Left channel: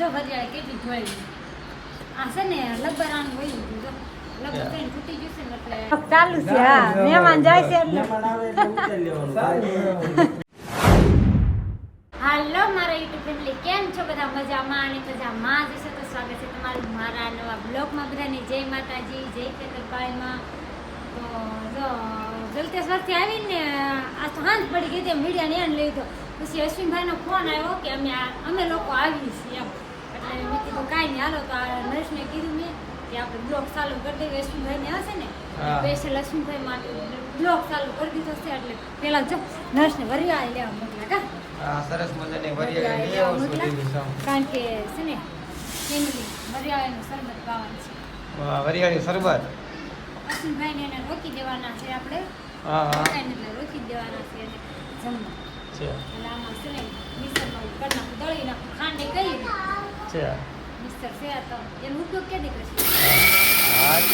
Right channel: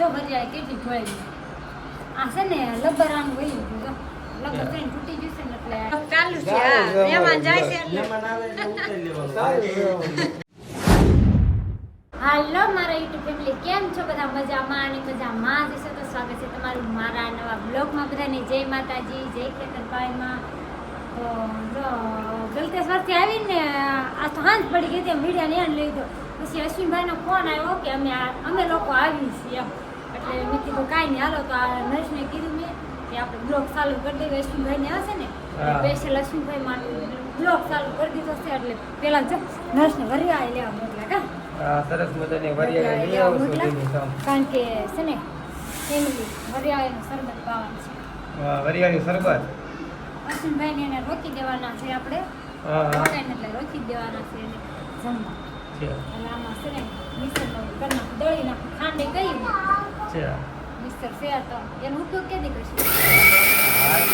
જો વરિયાળી કેટલી જોઈ આ છે ને લબરાનું વયું લબર કરીને ફૂટી ગયું છે ને એટલે ચાલુ છે હા. મહેમાન જાય છે એટલે. મહેમાન આવે એટલે ઉતારી લેવાનું. હાલો મારા યુટ્યુબ ફેમિલી કેમ છો બધા? મજામાં અને મજામાં જ છે તો સ્વાગત છે તમારું મારા નવા બ્લોગમાં બધાને. જય માતાજી જય ખેતરભાઈમાં તો જો ગલતેશ્વરથી આવીને આ તો હાંજ પડી ગઈ હતી મીડિયાને એને લીધો. પછી અશ્વિનભાઈનો ફોન આવ્યો કે અમે અમે લોકો આવી છીએ એમ. એટલે મેં કીધું કાંઈ નહીં. હાલો તો આ નર્સને કીધું મેં કે આપણે બ્લોક ચાલુ કરી દઈએ અશ્વિનભાઈને હશે ને. સ્પેશિયલ અશ્વિનભાઈ માટે બ્લોક ચાલુ કરી દીધો છે. એટલે પેલા જ નર્સને વરિયાળી લેવા મોકલા કા? સરસ મજાની આવો. કારણ કે છે ને વરિયાળીનું શરબત પાવાનું છે. વરિયાળી શરબત? અશ્વિનભાઈને એને રોકી દેવાના છે આપણે. એટલે રોકી દેવાના છે એને જમવા. એટલે આમાં છે ને મિશ્રણ કરી નાખું દળી નાખું ખાંડે કહી છે. મિક્સર છે તો એનો ઉપયોગ કેદી કરશે?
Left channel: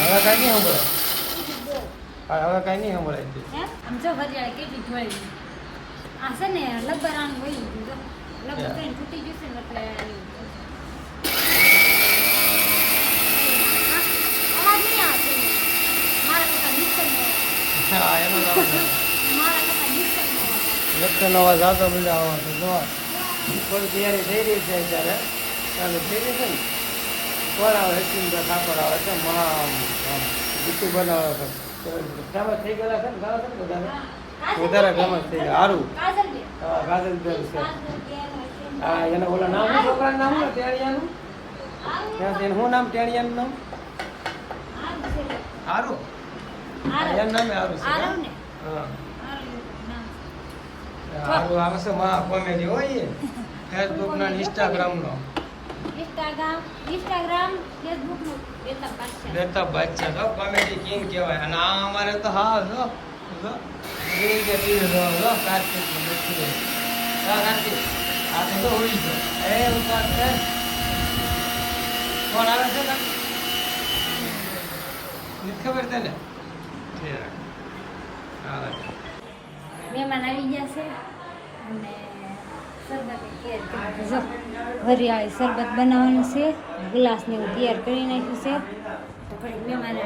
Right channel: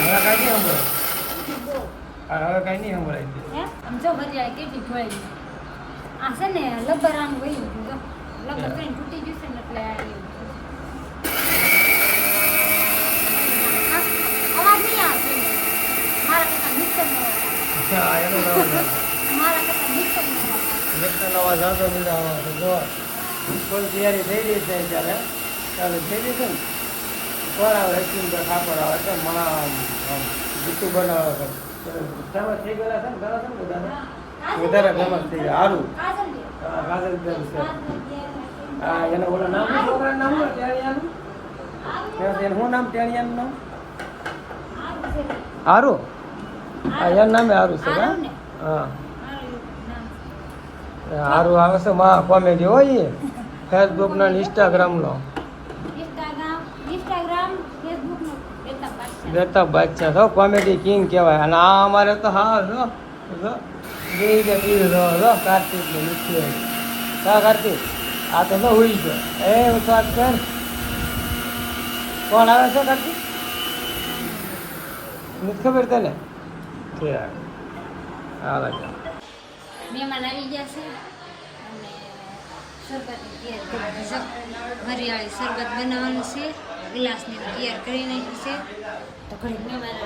હવે કાંઈ નહીં સંભળાય. હવે કાંઈ નહીં સંભળાય. હે? આમ જો વરિયાળી કેટલી જોઈ આ છે ને લબર આનું વયું જો. લબર કઈ તૂટી ગયું છે ને એટલે અવાજ નહીં આવતો મારા કરતા મિક્સરનો હા, એનો. મારા કરતા મિક્સરનો અવાજ આવતો મજા આવે તો જો તૈયારી થઈ રહી છે અત્યારે. ચાલુ થઈ છે ને? ઉપર આવે હસીમભાઈ કાપડ આવે છે આમ જૂતું બનાવે છે. ફેમસ થઈ ગયેલા છે ને? ઘણા છે ને બધાને? વધારે ફેમસ થઈ ગયા. સારું હા કાજલ બેન છે. હા એના ઓલા નામ છોકરાનું નામ હોય? ટેણિયાનું? એનું શું નામ? ટેણિયાનું નામ? હારું. હા એનું નામે હારું છે હા? હારું આવે છે માં કોમેડી હોય એ. ફેસબુક નો ઇન્સ્ટાગ્રામ ઇન્સ્ટાગ્રામ ઇન્સ્ટાગ્રામ ફેસબુક નો બેતા બાદશાહ. છો કોમેડી કિંગ કહેવાય. અને આ અમારે તો હા જો જો જો જો કાર્તિક ને નથી કા કાર્તિક આ તો જો ઉડી એ ઉતાર છે. કોણ આવે છે કાર્તિક? નથી ખબર તને? મહેમાન આવી ગયા છે. અને જો શરબત બનાવવાનું છે. ગ્લાસને એવું તૈયાર કરી નાખ્યું છે. તો ઘણી મહેમાન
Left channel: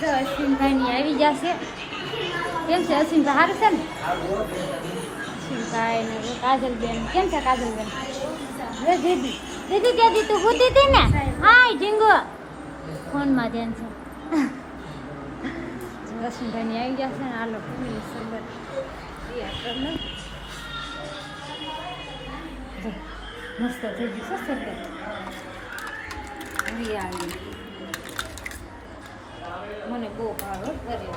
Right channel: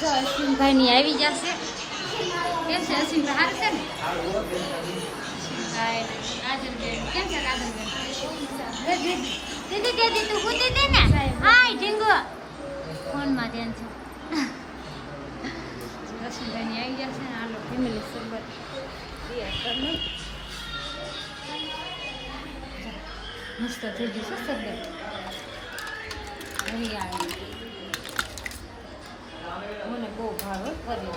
જો, અશ્વિનભાઈની આવી જશે. કેમ છે અશ્વિનભાઈ? સારું છે ને? અશ્વિનભાઈ કાજલબેન. કેમ છે કાજલબેન? દીદી દીદી તું હતી ને? હાય, ઢીંગો. ફોનમાં ધ્યાન છે. રસમભાઈની આવી જશે ને આ લોકો ફેમિલી શરબત. મસ્ત થઈ ગયું છે શરબત હરિયાળી મને બહુ ભાવે કર્યો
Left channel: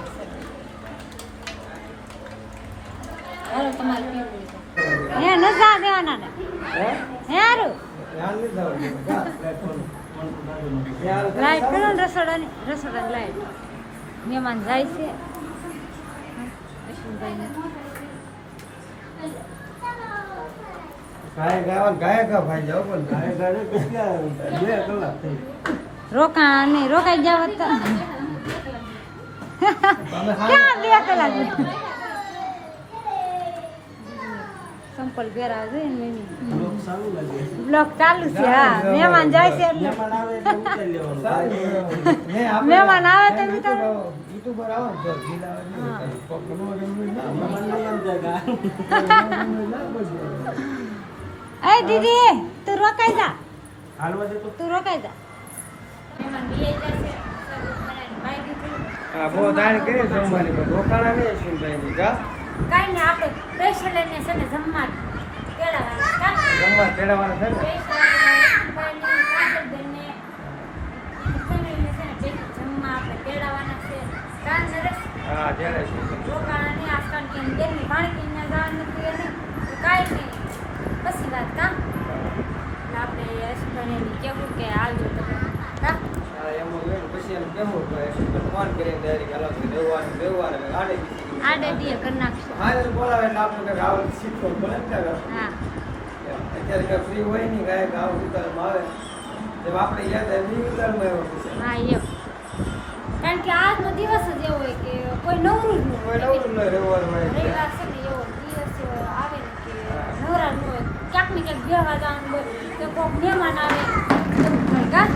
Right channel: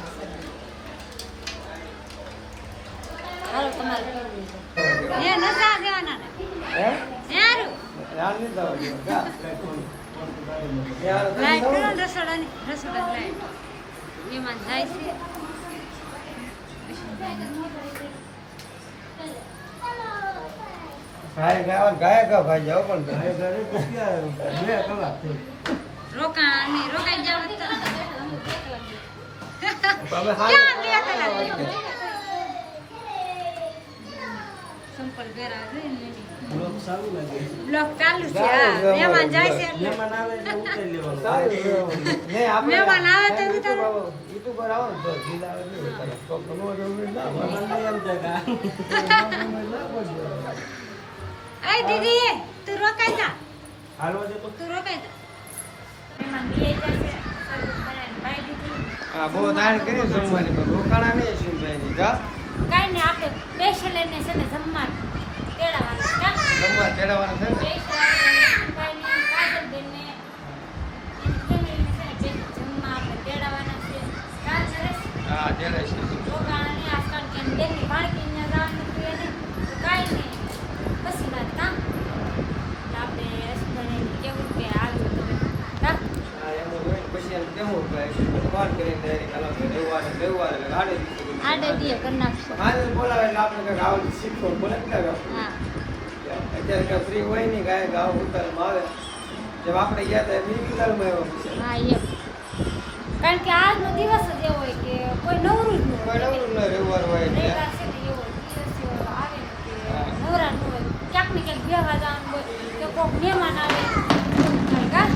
હાલો તમારે કેવું હે નજા દેવાના ને હે. હારું લાઈટ કરો ને રસોડાની રસોડાની લાઈટ. મહેમાન જાય છે અશ્વિનભાઈને રોકાણ નહીં રોકાઈ જાવ ક્યાં બે કલાક? સંપલ પહેરા છે ને બ્લોક ચાલુ લાગે. બ્લોક ચાલુ છે હા. મહેમાન જાય છે એટલે. મહેમાન આવે એટલે ઉતારી લેવાનું. મહેમાન આવે તો ઉતારો. યુટ્યુબર આવો તો એ દીદી તું રોકાઈ જા. હાલવા જતો તું. રોકાઈ જા. મહેમાન બી જાય છે હા બહુ દાણ કરી જમવાની રોકાણા નહીં ની કા કાંઈ ને આપણે સ્પેશિયલ એને છે ને જમવા તેડાવવાનું જમવા તેડાવવાના છે ને હા તેડે છે હા એમ જ હોય ને પછી એમ કેવું ભાઈ ફોન કરીને તૈયારી કરાવો કે રહેવાનું રહેવાનું એટલે ગાડી દીધી. હા બોલાવે એટલે આપણે કંઈક આવડે શીખો બોલે ને હા. અત્યારે કઈ ફ્રી હોય નહીં ગાય ગાવ ઉતારમાં આવે. જેમ આપણે ગયા હતા એમ ઉતારમાં પછી હા એમ. કારણ કે આજનો દિવસ જ એવો હોય કે કોઈ નવરું જ ન હોય. નવરું ન રવિવાર હોય. રવિવાર છે ને એવો દિવસ આવે ને કે. નવરા ન હોય. ક્યાંક ને ક્યાંક બે જવાનું હોય. કે કોઈક મહેમાન આવે એવું થાય કા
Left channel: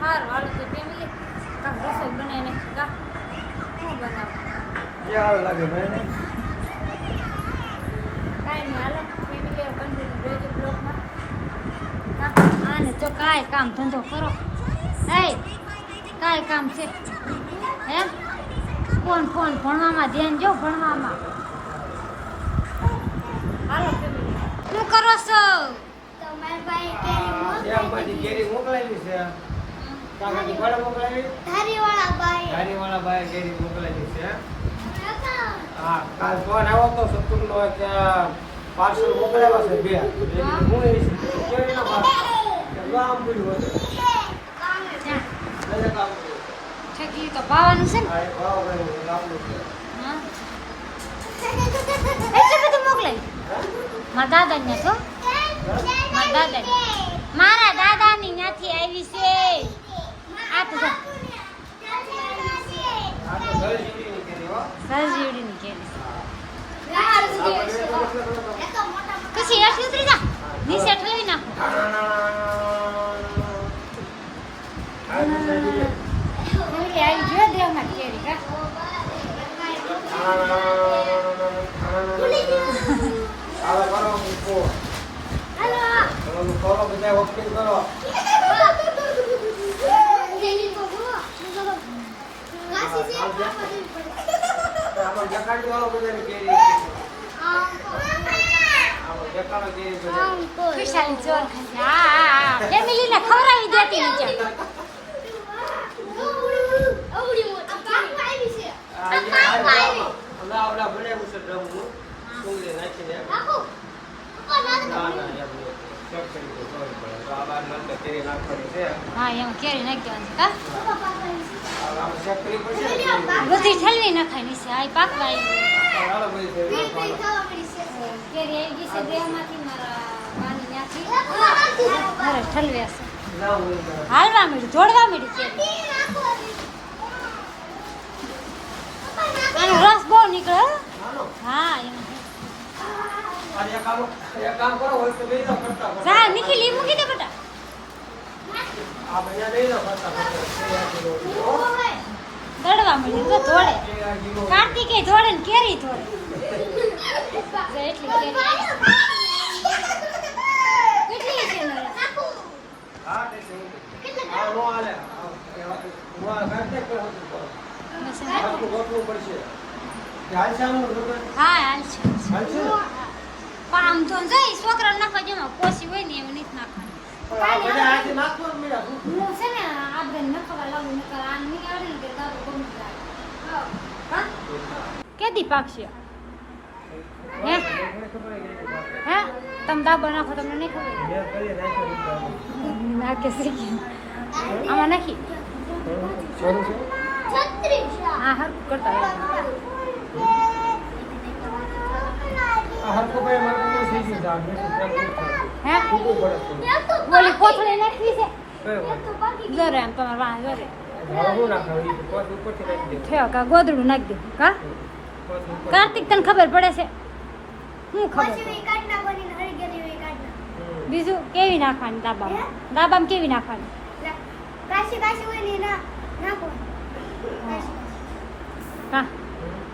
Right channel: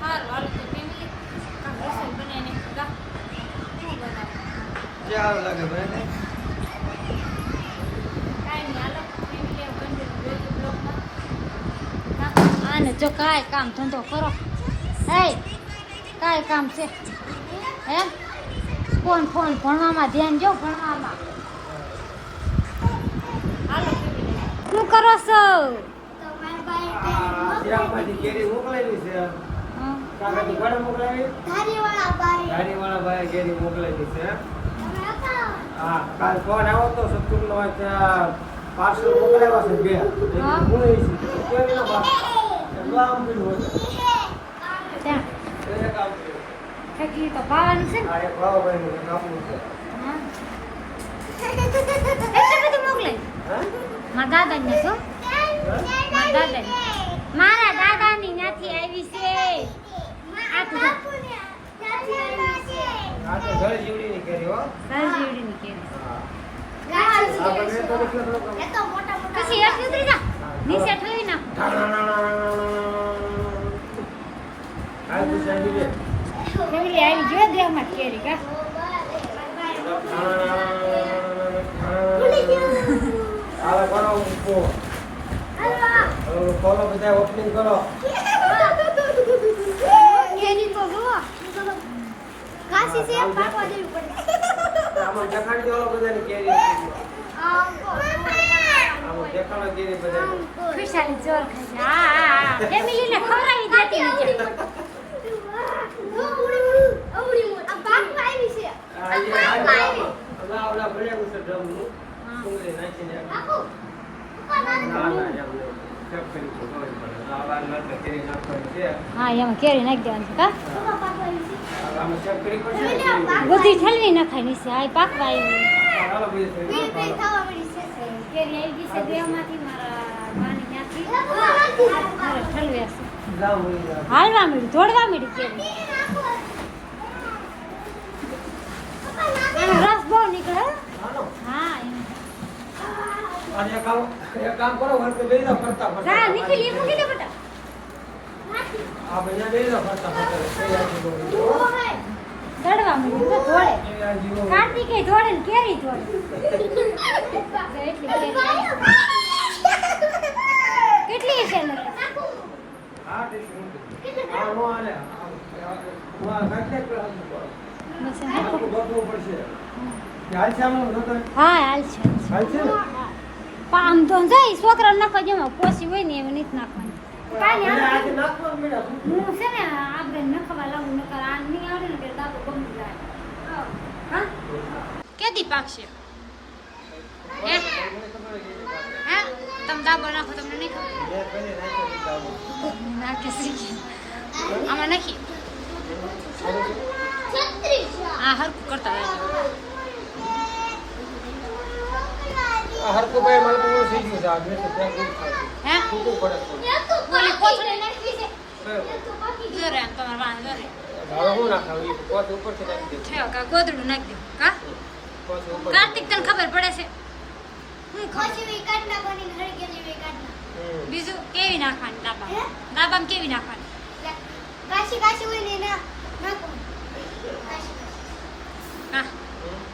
સારું હાલો તો ફેમિલી કાંક રસોઈ બનાવીને કા શું બનાવું જે સારું લાગે મને કાંઈ નહીં આને જો કાંઈ કામ ધંધો કરો. હે કાંઈ કામ છે. એમ? ફોન ફોન ભણવામાં ધ્યાન જો ભણવામાં. હાલો શું કરો છો? કેરી મોકલાવી છે. ઘરે મોકલાવી? ભાઈ. કેરી મોકલાવી છે. હા કાલ ફોન આવ્યો તો સતુરનો કે પાર્સલ મોકલાવ્યા છે બે. હું. એ કેરીના પાર્સલ? જો. આમ પીલું હતું છકી તો ભાવવાનું છે ને? હા એટલું બધું મોકલાય? હા? મારા દાદાને છો મારા દાદાને. મારા દાદાની ત્યાંથી આવી છે. આ તો જો. આ તો ઘર જીવડીની કેરી હો. સજીવડીની કેરી. આ બંને તો કેટલો બધો પછી એટલી ઉતરી જા નીચે ઠેવી નાખો હાલ પૂછાય દીધી. ફેમિલી આવી જો દેવમાં કેરી કા હાલો કરો ઊભો. હવે ખોલો બધા ઓપનિંગ કરો આમાં દેખાડી દો બધાને કેરી આમાં દેખાડો કેરી બધાને. ખુશાલી ચોર ખાશે હા ફેમિલીને ખવડાવી દેતી એમ કરી. હા એમાં નાખી દેવાની છે કા આમાં ચેક કરી પડશે ને. બધી ઠલવી નખાય નીચે આ પાકવા આવ્યું આવી. હાલવા મળી જોડવા મળી કેરી આનો રસ બહુ નીકળે હો. એમાં અને એક કામ એક દડવા મળ્યું તો કાર્તિકે ને કેરી દોડે એટલી. કેટલી છે નો? આમાં તો છોકરા નખવા જેમાં પોસી હોય ને એમ નથી નાખવાની. હું છે ને આપણે નખવા લાગુ નકર આ નહીં આવડે ને ગમી જાય હા કેદી પાકશે હે. હે તમે દાબો નાખો તમને નહીં ખબર. નાખે શીખી આમાં નાખી હા હરકું કરતા રહેજો મારે તો થઈ ગયું છે. હે? ટૂંકું પડે. બોલી કોથળી નાખવી છે? જરે એમ તમારે વાં જરે. ગોદડું નાખી કા? કાર્તિક તને ખબર પડે છે? શું ખબર બીજું કેવી નાખવાની દાબામાં? દાબામાં કેવી નાખવાની. હા.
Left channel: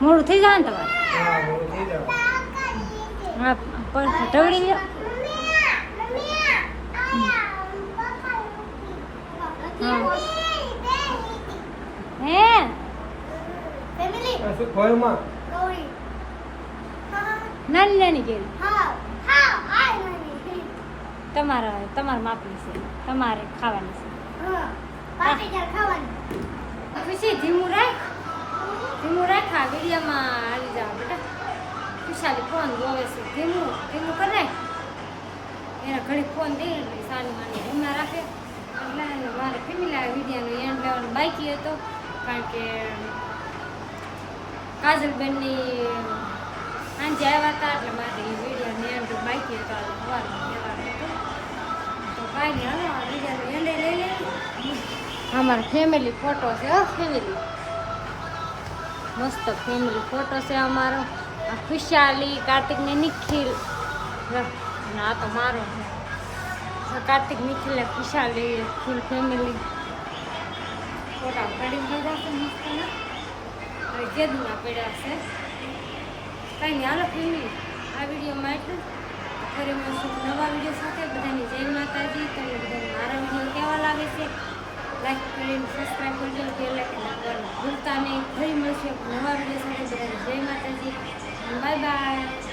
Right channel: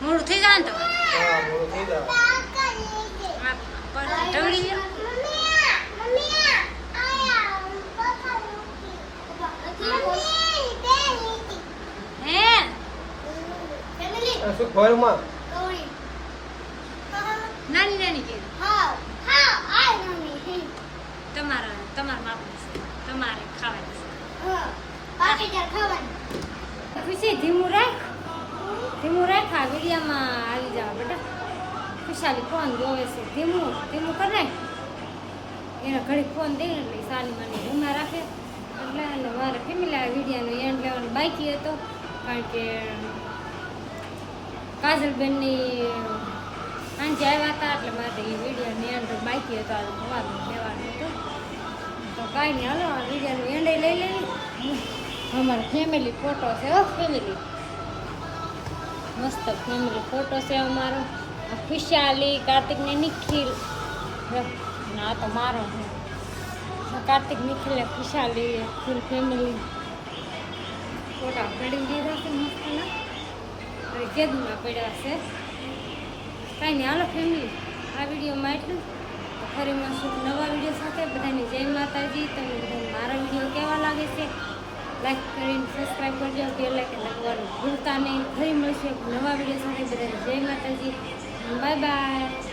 મોડું થઈ જાય ને તમારે? હા, મોડું થઈ જાય. હા પણ ઢવળી ગયો? નાની નાની કેવી? તમારા તમારા માપનું છે. તમારે ખાવાની છે. ખુશી ધીમું રાખ. ધીમું રાખ આ વિડીયામાં આવી જાવ બેટા. ખુશાલી ફોન જોવે છે. ધીમું ધીમું કરે. એને ઘડી ફોન દઈને એટલે સાલી માની રૂમમાં રાખે. એટલે એને મારે ફેમિલી વિડિયાનો એન્ડ લેવાનો બાકી હતો. કારણ કે કાજલબેનની સાંજે આવ્યા હતા, એટલે મારે એ વિડીયોનો એન્ડ બાકી હતો. સવારમાં લેવાનો હતો. તો કાંઈ નહીં હાલો, આ વિડીયોનો એન્ડ લઈ લઈએ. અમારા ફેમિલી ફોટો છે ફેમિલી મસ્ત ફેમિલી ફોટો છે અમારો. ખુશાલી કાર્તિક ને નિખિલ લો, અને આ તો મારો છે આ કાર્તિક નિખિલ ને ખુશાલી ફૂલ ફેમિલી ફોટા પડી ગયા છે મસ્તના હવે કેદમાં પડ્યા છે કાંઈ નહીં હાલો ફેમિલી આ વિડીયોમાં એટલું જ. ફરી મળશું એક નવા વીડિયો સાથે બધાની જય માતાજી તમને બધાને મારા વીડિયો કેવા લાગે છે લાઈક કરીને સબસ્ક્રાઈબ કરજો બેલ આઇકન દબાવવાનું ભૂલતા નહીં ફરી મળશું એક નવા વીડિયો સાથે બધાને જય માતાજી 拜拜。